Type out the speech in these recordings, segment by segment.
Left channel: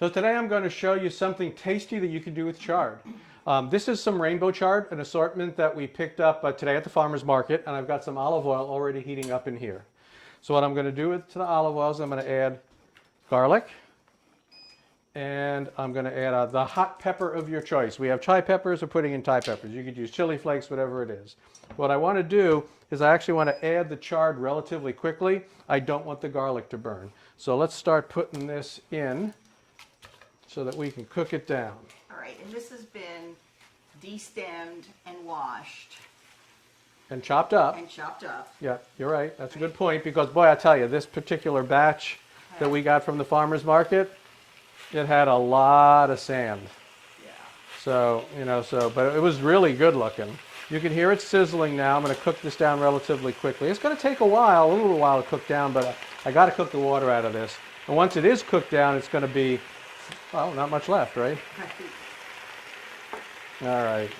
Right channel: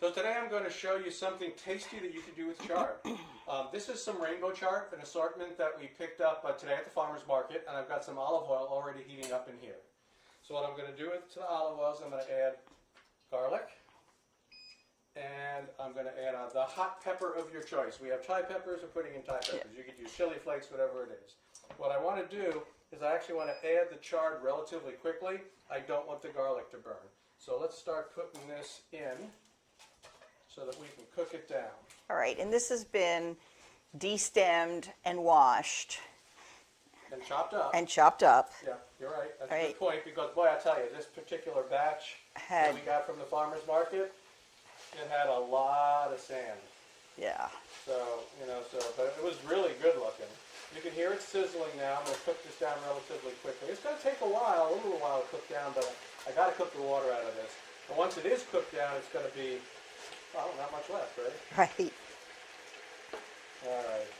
So today I'm going to show you something tasty that you can do with chard. This is some rainbow chard, an assortment that we picked up today at the farmer's market, and I've got some olive oil already heating up in here. So what I'm going to do to the olive oil is I'm going to add garlic, and I'm going to add the hot pepper of your choice. We have chai peppers, we're putting in Thai peppers. You could use chili flakes, whatever it is. What I want to do is I actually want to add the chard relatively quickly. I don't want the garlic to burn. So let's start putting this in so that we can cook it down. All right, and this has been de-stemmed and washed. And chopped up. And chopped up. Yeah, you're right. That's a good point because, boy, I tell you, this particular batch that we got from the farmer's market, it had a lot of sand. Yeah. So, but it was really good looking. You can hear it sizzling now. I'm going to cook this down relatively quickly. It's going to take a little while to cook down, but I got to cook the water out of this. And once it is cooked down, it's going to be, well, not much left, right? Right. All right.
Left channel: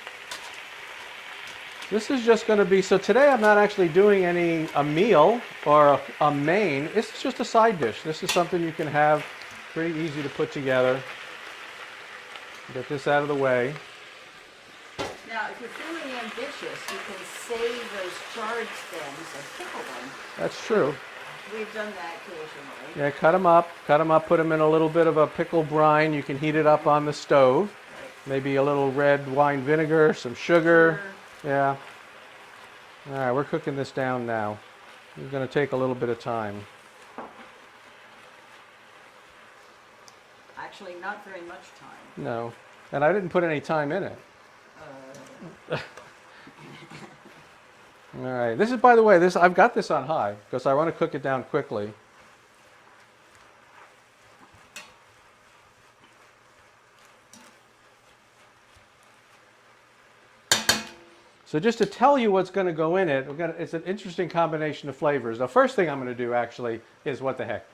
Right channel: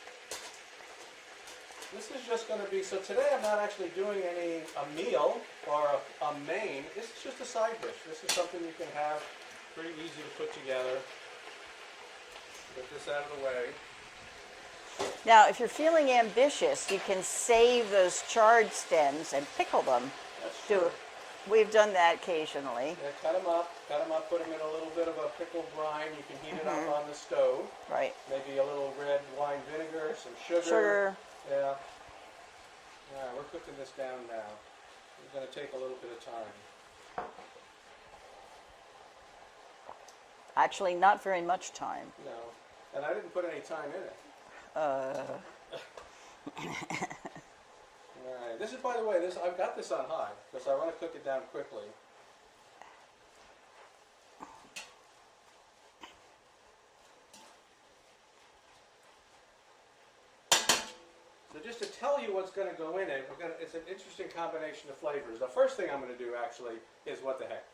This is just going to be, so today I'm not actually doing a meal or a main. This is just a side dish. This is something you can have, pretty easy to put together. Get this out of the way. Now, if you're feeling ambitious, you can save those chard stems and pickle them. That's true. We've done that occasionally. Yeah, cut them up, put them in a little bit of a pickle brine. You can heat it up on the stove. Right. Maybe a little red wine vinegar, some sugar. Yeah. All right, we're cooking this down now. It's going to take a little bit of time. Actually, not very much time. No. And I didn't put any time in it. All right. This is, by the way, I've got this on high because I want to cook it down quickly. So just to tell you what's going to go in it, it's an interesting combination of flavors. The first thing I'm going to do actually is, what the heck,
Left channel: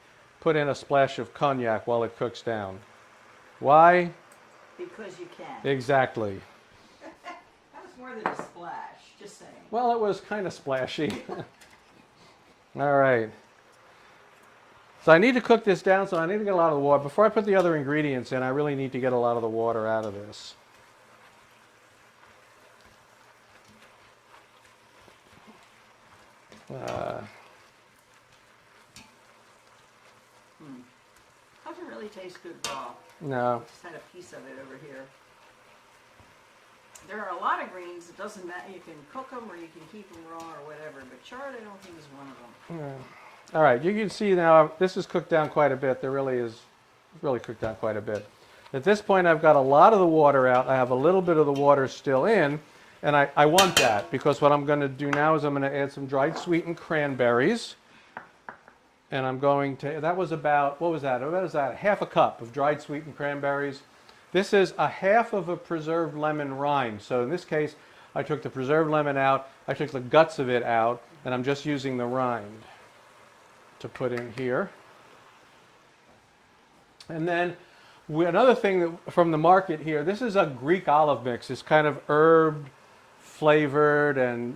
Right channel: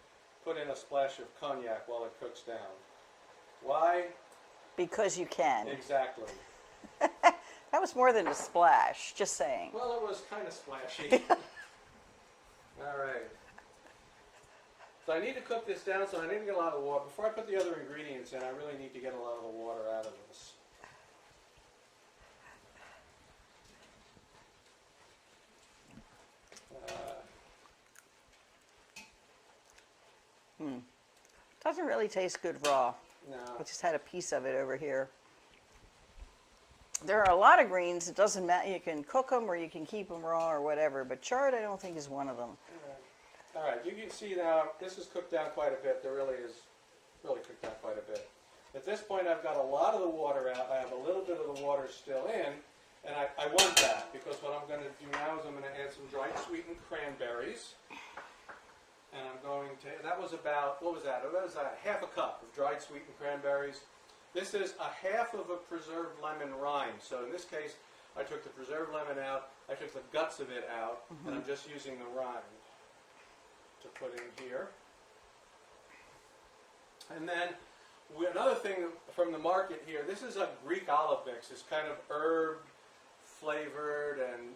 put in a splash of cognac while it cooks down. Why? Because you can. Exactly. That was more than a splash, just saying. Well, it was kind of splashy. All right. So I need to cook this down, so I need to get a lot of the water. Before I put the other ingredients in, I really need to get a lot of the water out of this. Doesn't really taste good raw. No. I just had a piece of it over here. There are a lot of greens. It doesn't matter. You can cook them or you can keep them raw or whatever. But chard, I don't think, is one of them. Yeah. All right. You can see now this is cooked down quite a bit. There really is really cooked down quite a bit. At this point, I've got a lot of the water out. I have a little bit of the water still in. And I want that because what I'm going to do now is I'm going to add some dried sweetened cranberries. And I'm going to, that was about, what was that? What was that? Half a cup of dried sweetened cranberries. This is a half of a preserved lemon rind. So in this case, I took the preserved lemon out, I took the guts of it out, and I'm just using the rind to put in here. And then another thing from the market here, this is a Greek olive mix. It's kind of herb flavored and,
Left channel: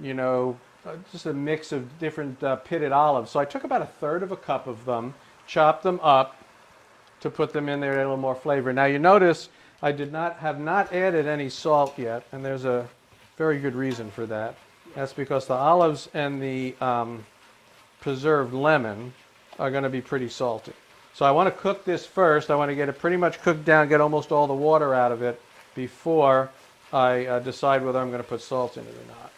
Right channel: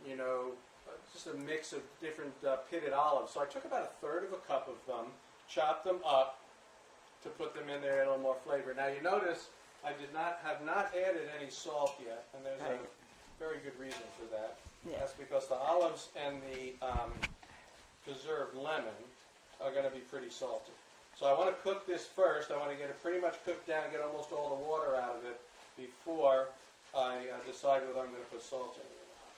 just a mix of different pitted olives. So I took about 1/3 of a cup of them, chopped them up to put them in there, a little more flavor. Now you notice I have not added any salt yet, and there's a very good reason for that. Yeah. That's because the olives and the preserved lemon are going to be pretty salty. So I want to cook this first. I want to get it pretty much cooked down, get almost all the water out of it before I decide whether I'm going to put salt in it or not.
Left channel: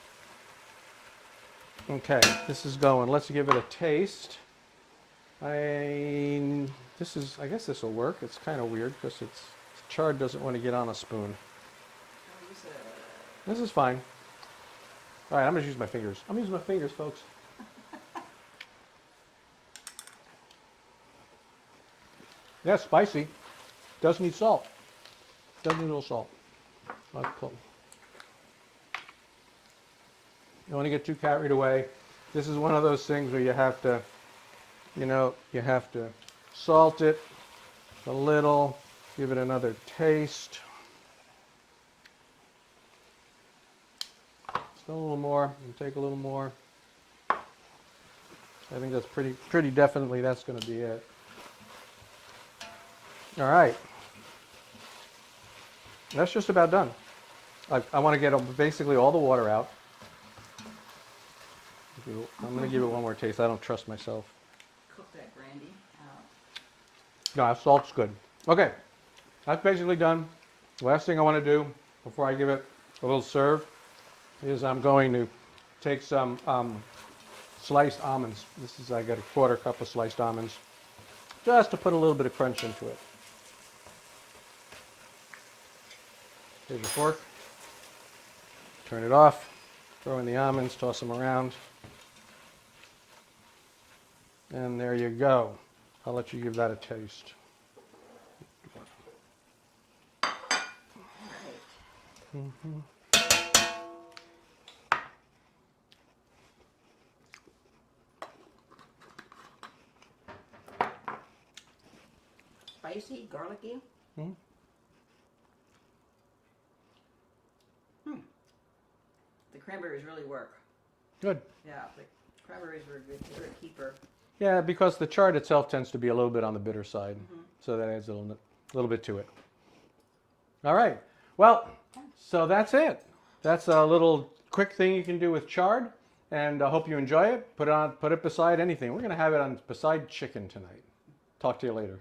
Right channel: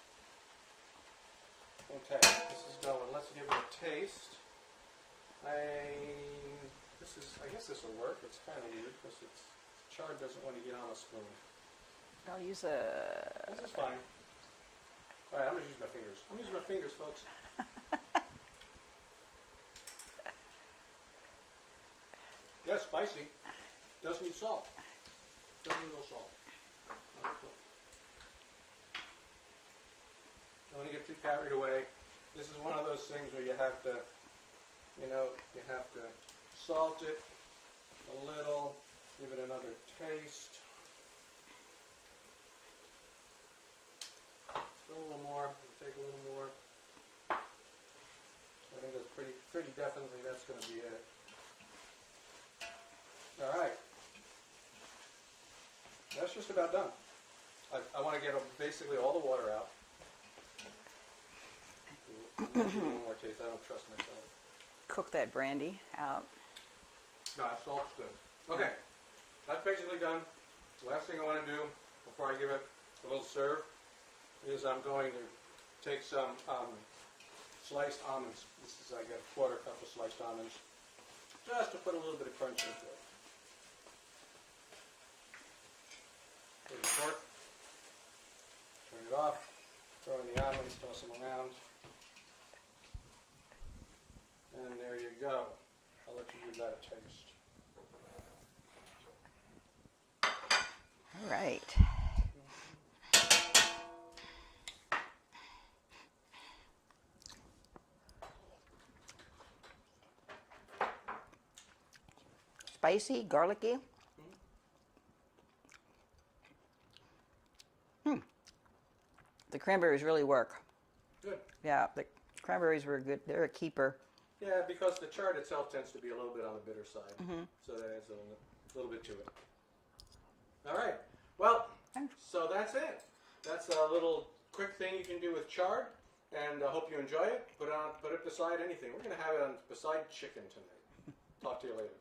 Okay, this is going. Let's give it a taste. I guess this will work. It's kind of weird because chard doesn't want to get on a spoon. I'll use a... This is fine. All right, I'm going to use my fingers. I'm using my fingers, folks. Yeah, it's spicy. Does need salt. Does need a little salt. Cool. You don't want to get too carried away. This is one of those things where you have to, you have to salt it a little, give it another taste. Still a little more, and take a little more. I think that's pretty definitely that's going to be it. All right, That's just about done. I want to get basically all the water out. I'm going to give it one more taste. I don't trust myself. Cook that brandy out. No, salt's good. Okay, that's basically done. Last thing I want to do before I give it a little serve is I'm going to take some sliced almonds. I got a quarter cup of sliced almonds, just to put a little bit of crunch into it. Take a fork, turn it off, throw in the almonds, toss them around, and there you go. I'll let you give that a taste. All right. Spicy, garlicky. The cranberries really work. Good. Yeah, the cranberries were good. They're a keeper. Yeah, because the chard itself tends to be a little bit on the bitter side, so that adds a little bit to it. All right. Well, so that's it. That's a little quick thing you can do with chard, and I hope you enjoy it. Put it beside anything. We're going to have it on beside chicken tonight. Talk to you later.